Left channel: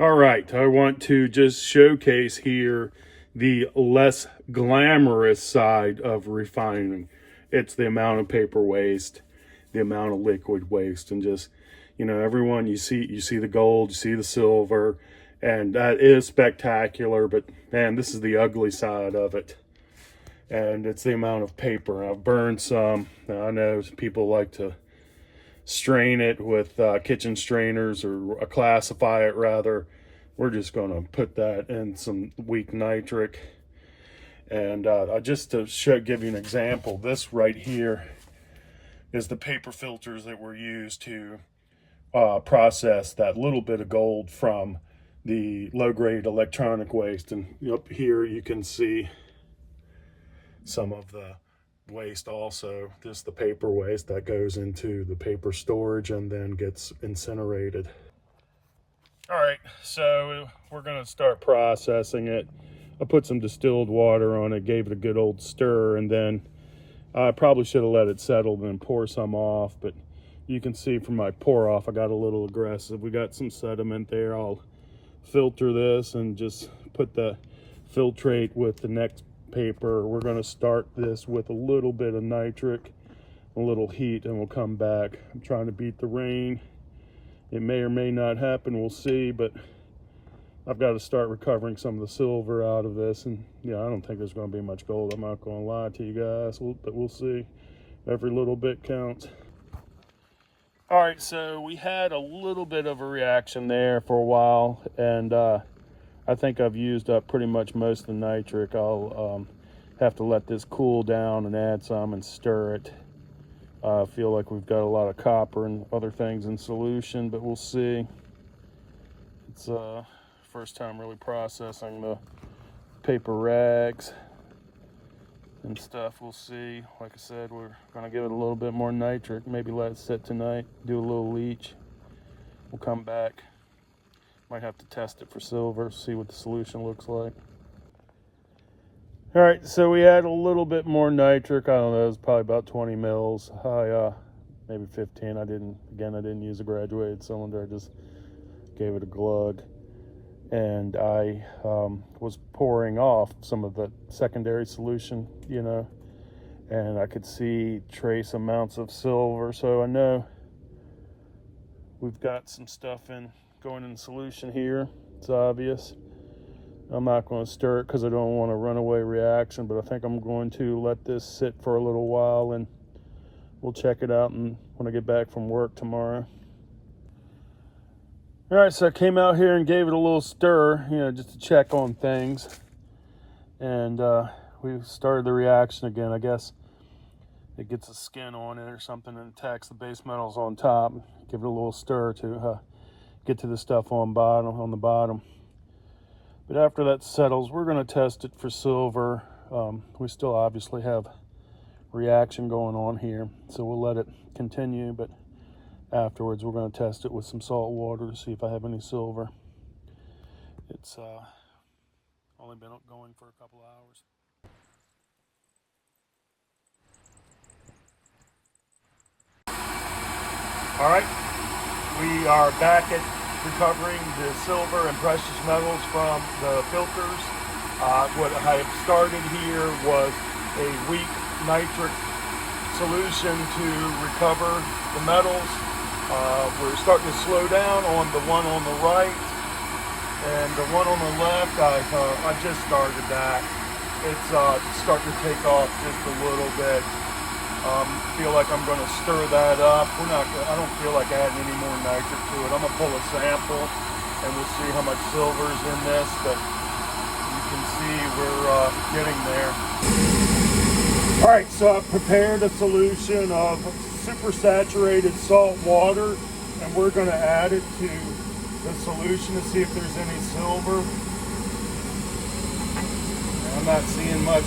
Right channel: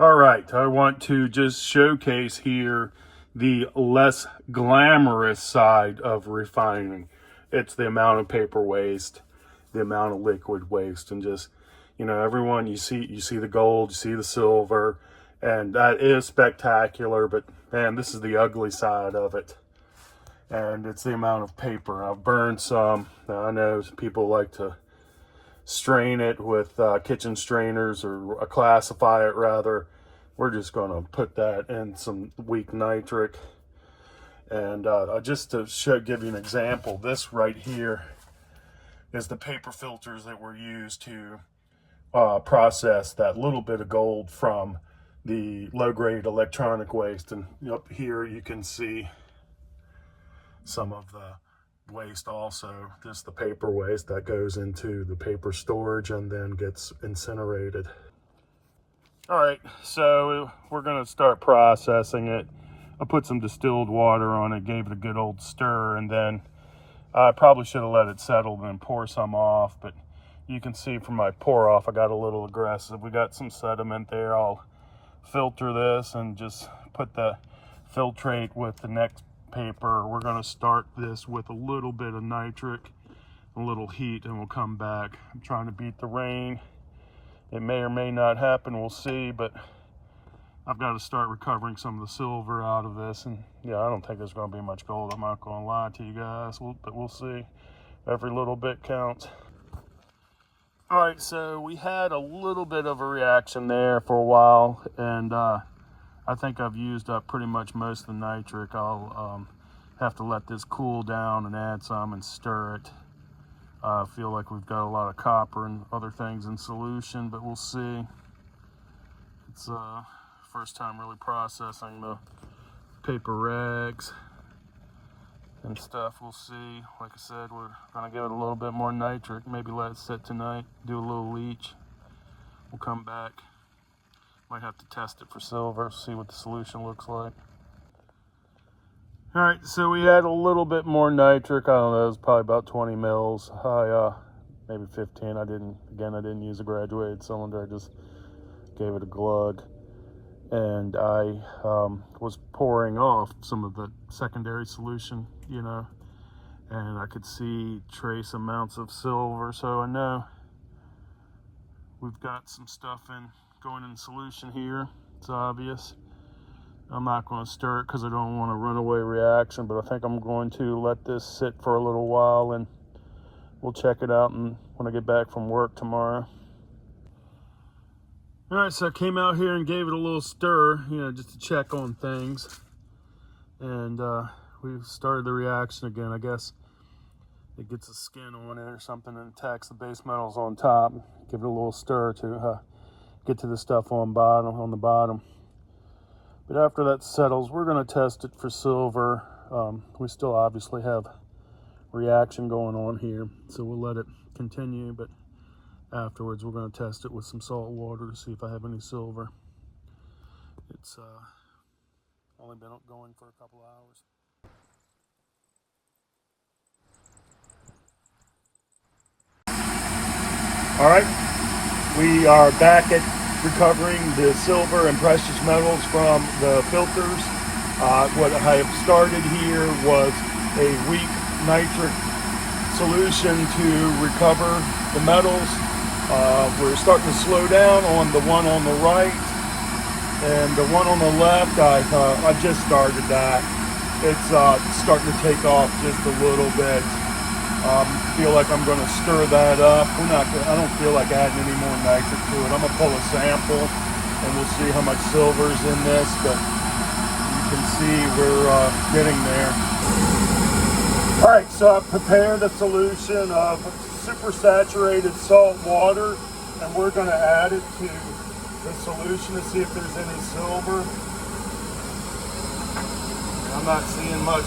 All right, I want to just showcase here the less glamorous side of refining. It's the amount of paper waste, the amount of liquid waste, and just, everyone, you see the gold, you see the silver, and that is spectacular, but man, this is the ugly side of it. And it's the amount of paper. I've burned some. I know people like to strain it with kitchen strainers, or classify it rather. We're just going to put that in some weak nitric. And just to give you an example, this right here is the paper filters that were used to process that little bit of gold from the low-grade electronic waste. And up here you can see some of the waste also. This is the paper waste that goes into the paper storage and then gets incinerated. All right, so we're going to start processing it. I put some distilled water on it, gave it a good old stir, and then I probably should have let it settle and pour some off, but you can see from my pour off I got a little aggressive. We got some sediment there. I'll filter this and just put the filtrate with the next paper. We're going to start this with a little bit of nitric, a little heat, and we'll come back. I'm trying to beat the rain. It may or may not happen, we'll see, but I've got to start recovering some of the silver out of this. And yeah, I don't think there's going to be much gold, I'm not going to lie to you guys, but we'll see. Every little bit counts. All right, so we had a little bit of a reaction there for a while, and I think I've used up pretty much most of the nitric. I'll have to let this cool down and add some and stir it. I feel like we've got a lot of copper and other things in solution, but we'll see. It's first time really processing the paper rags and stuff. We'll see. Like I said, we're going to give it a little bit more nitric, maybe let it sit tonight, do a little leach. We'll come back. Might have to test it for silver, see what the solution looks like. All right, so we add a little bit more nitric. I don't know, it's probably about 20 mils. Maybe 15. I didn't use a graduated cylinder. I just gave it a glug. And I was pouring off some of the secondary solution, and I could see trace amounts of silver. So I know we've got some stuff going in solution here. It's obvious. I'm not going to stir it because I don't want a runaway reaction, but I think I'm going to let this sit for a little while, and we'll check it out when I get back from work tomorrow. All right, so I came out here and gave it a little stir, just to check on things. And we've started the reaction again. I guess it gets a skin on it or something and attacks the base metals on top. Give it a little stir to get to the stuff on the bottom. But after that settles, we're going to test it for silver. We still obviously have reaction going on here, so we'll let it continue, but afterwards we're going to test it with some salt water to see if I have any silver. It's only been going for a couple hours. All right, we are back at recovering the silver and precious metals from the filters. What I have started here was a weak nitric solution to recover the metals. We're starting to slow down on the one on the right, and the one on the left, I just started that. It's starting to take off just a little bit. Feel like I'm going to stir that up. I don't feel like adding any more nitric to it. I'm going to pull a sample and we'll see how much silver's in this, but you can see we're getting there. All right, so I've prepared a solution of supersaturated salt water, and we're going to add it to the solution to see if there's any silver. I'm not seeing much.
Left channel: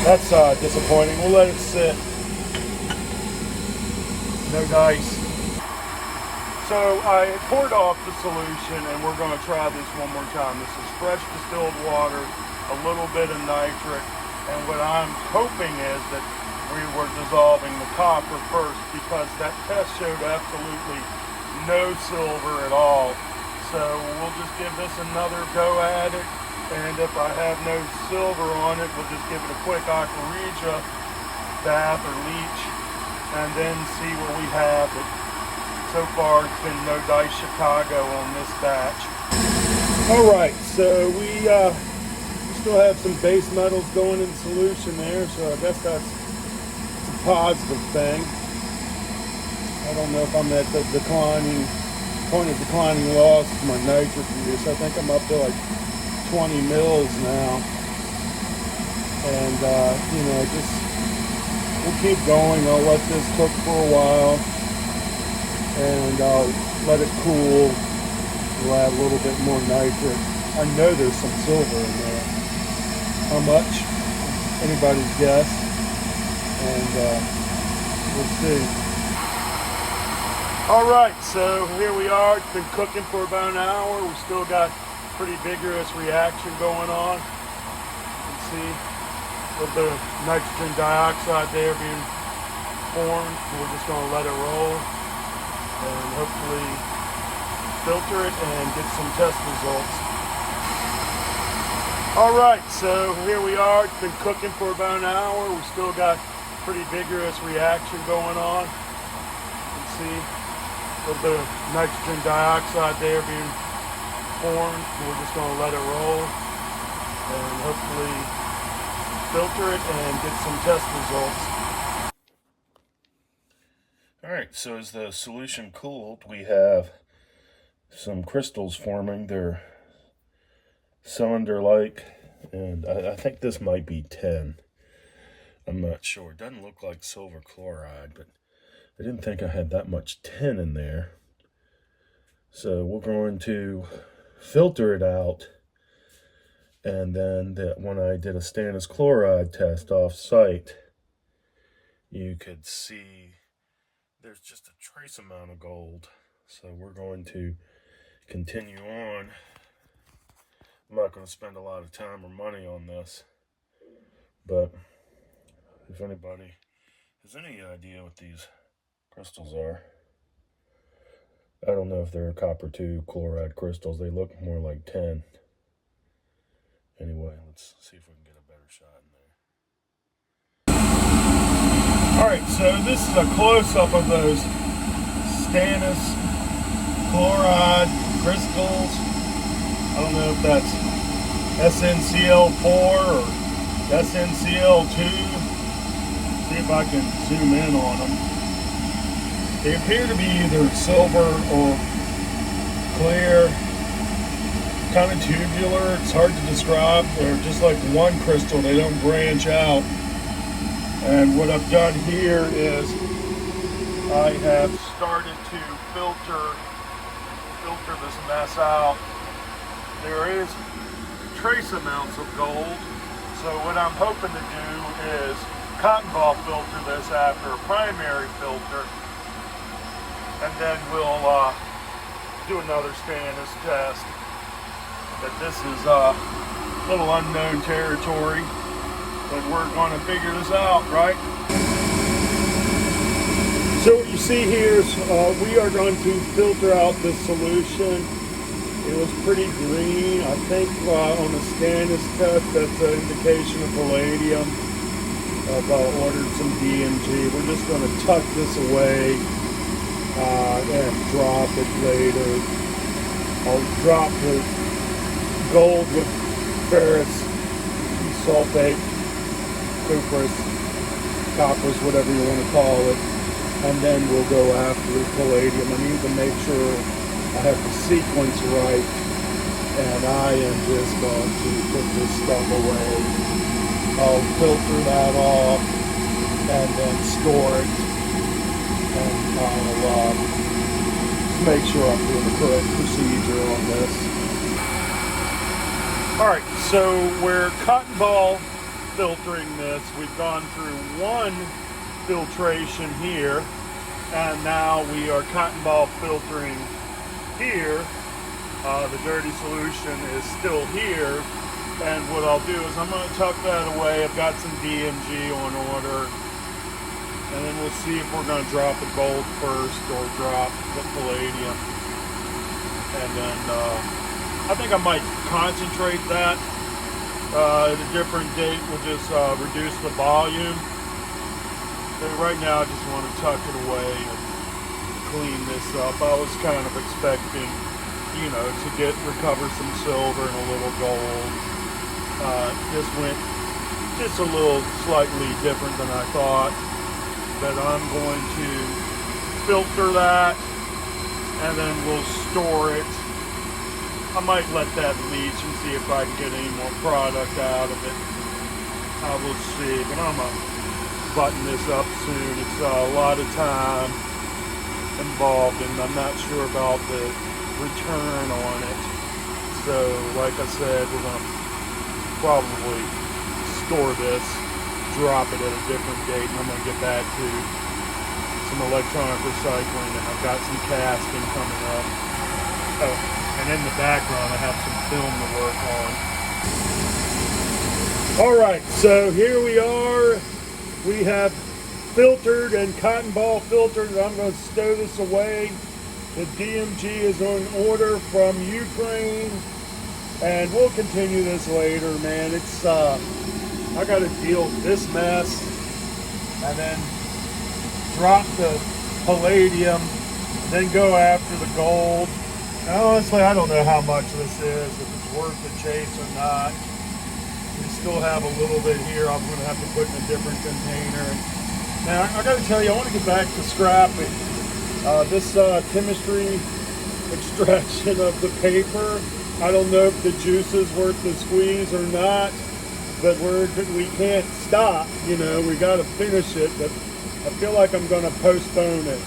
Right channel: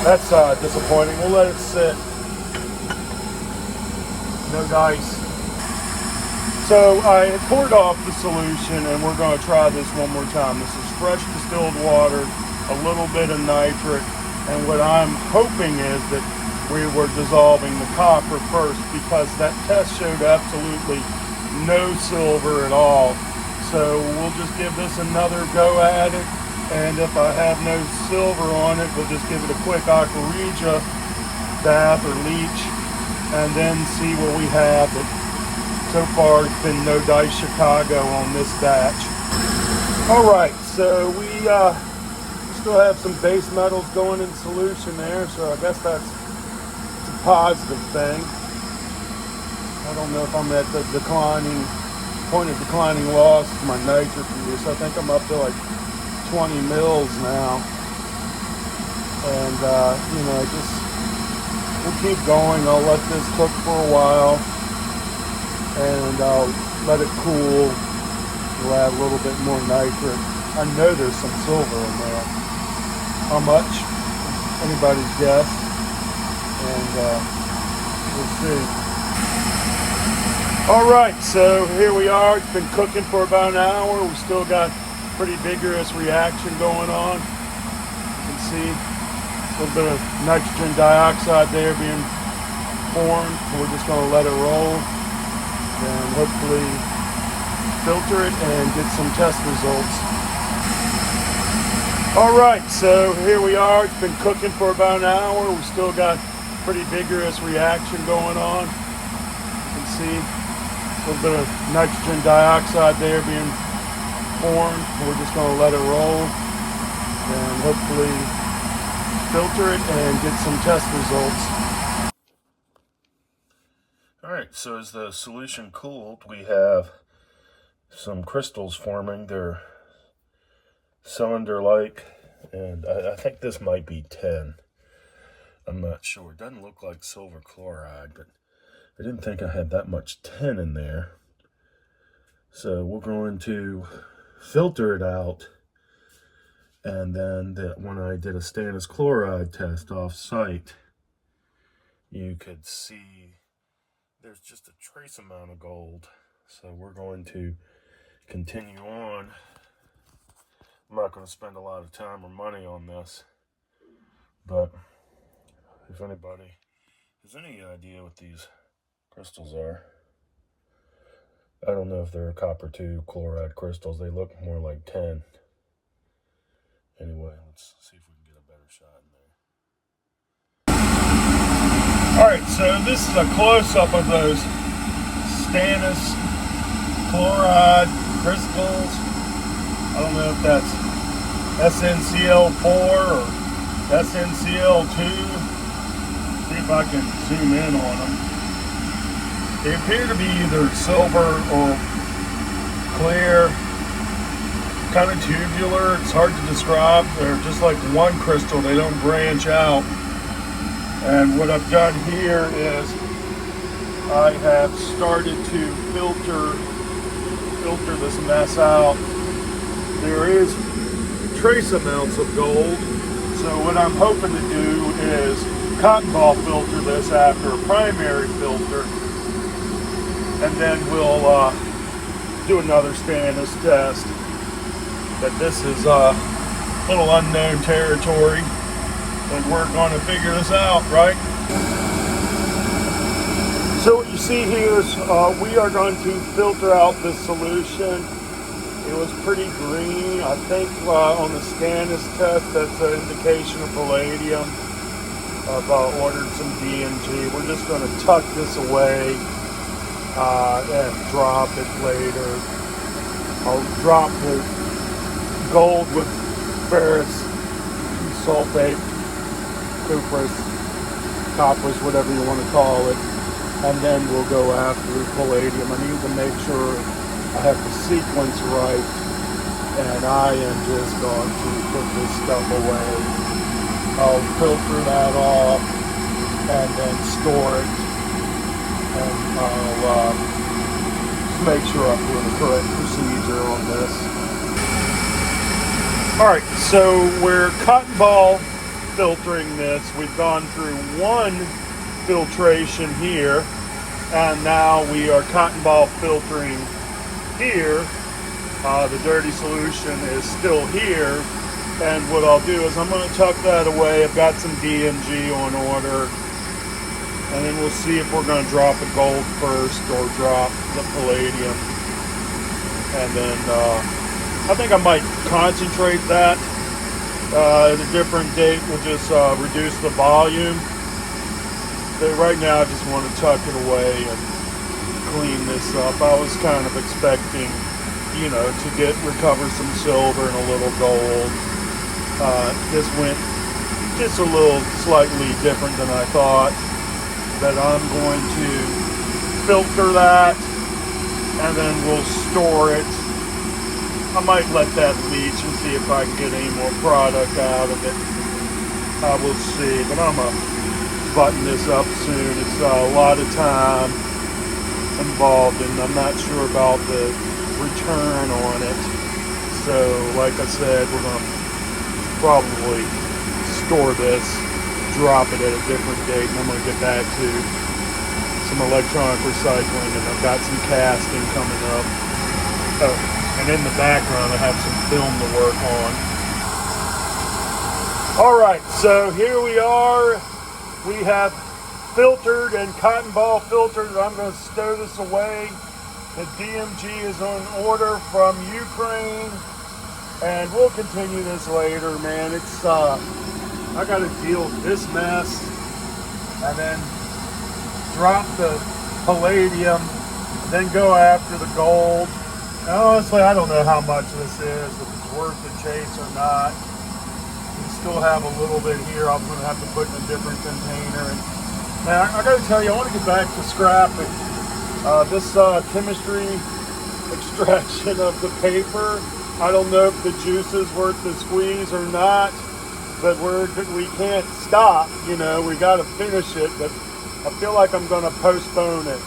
That's disappointing. We'll let it sit. No dice. So I poured off the solution, and we're going to try this one more time. This is fresh distilled water, a little bit of nitric, and what I'm hoping is that we were dissolving the copper first, because that test showed absolutely no silver at all. So we'll just give this another go at it. And if I have no silver on it, we'll just give it a quick aquarija bath or leach and then see what we have. But so far it's been no Dice Chicago on this batch. All right, so we still have some base metals going in solution there, so I guess that's a positive thing. I don't know if I'm at the point of declining loss to my nitrogen use. I think I'm up to like 20 mils now. And, you know, just we'll keep going. I'll let this cook for a while. And I'll let it cool. We'll add a little bit more nitrate. I know there's some silver in there. How much? Anybody's guess. And we'll see. All right, so here we are. It's been cooking for about an hour. We still got pretty vigorous reaction going on. You can see a little bit of nitrogen dioxide there being formed. We're just going to let it roll and hopefully filter it and get some test results. All right, so here we are. It's been cooking for about an hour. We still got pretty vigorous reaction going on. You can see a little bit of nitrogen dioxide there being formed. We're just going to let it roll and hopefully filter it and get some test results. All right, so as the solution cooled, we have some crystals forming. They're cylinder-like, and I think this might be tin. I'm not sure. It doesn't look like silver chloride, but I didn't think I had that much tin in there. So we're going to filter it out. And then when I did a Stannous Choride test off site, you could see there's just a trace amount of gold. So we're going to continue on. I'm not going to spend a lot of time or money on this. But if anybody has any idea what these crystals are, I don't know if they're copper 2 chloride crystals. They look more like tin. Anyway, let's see if we can get a better shot in there. Alright, so this is a close-up of those Stannous Choride crystals. I don't know if that's SNCl4 or SNCl2. See if I can zoom in on them. They appear to be either silver or clear, kind of tubular. It's hard to describe. They're just like one crystal. They don't branch out. And what I've done here is I have started to filter this mess out. There is trace amounts of gold. So what I'm hoping to do is cotton ball filter this after a primary filter. And then we'll do another Stannous test. But this is a little unknown territory, and we're going to figure this out, right? So what you see here is we are going to filter out this solution. It was pretty green. I think on the Stannous test, that's an indication of palladium. I've ordered some DMG. We're just going to tuck this away and drop it later. I'll drop the gold with ferrous sulfate, cuprous, coppers, whatever you want to call it, and then we'll go after the palladium. I need to make sure I have the sequence right, and I am just going to put this stuff away. I'll filter that off and then store it, and I'll make sure I'm doing the correct procedure on this. Alright, so we're cotton ball filtering this. We've gone through one filtration here, and now we are cotton ball filtering here. The dirty solution is still here, and what I'll do is I'm going to tuck that away. I've got some DMG on order, And then we'll see if we're going to drop the gold first or drop the palladium. And then I think I might concentrate that at a different date. We'll just reduce the volume. But right now I just want to tuck it away and clean this up. I was kind of expecting, you know, to recover some silver and a little gold. This went just a little slightly different than I thought. But I'm going to filter that and then we'll store it. I might let that leach and see if I can get any more product out of it. I will see, but I'm going to button this up soon. It's a lot of time involved and I'm not sure about the return on it. So like I said, we're going to probably store this, drop it at a different date, and I'm going to get back to some electronic recycling, and I've got some casting coming up. Oh, and in the background I have some film to work on. All right, so here we are. We have filtered and cotton ball filtered. I'm going to stow this away. The DMG is on order from Ukraine, and we'll continue this later, man. It's I got to deal with this mess, and then drop the palladium, and then go after the gold. And honestly, I don't know how much this is, if it's worth the chase or not. We still have a little bit here. I'm going to have to put in a different container. And now, I got to tell you, I want to get back to scrapping. This chemistry extraction of the paper, I don't know if the juice is worth the squeeze or not, but we can't stop, you know, we got to finish it, but I feel like I'm going to postpone it.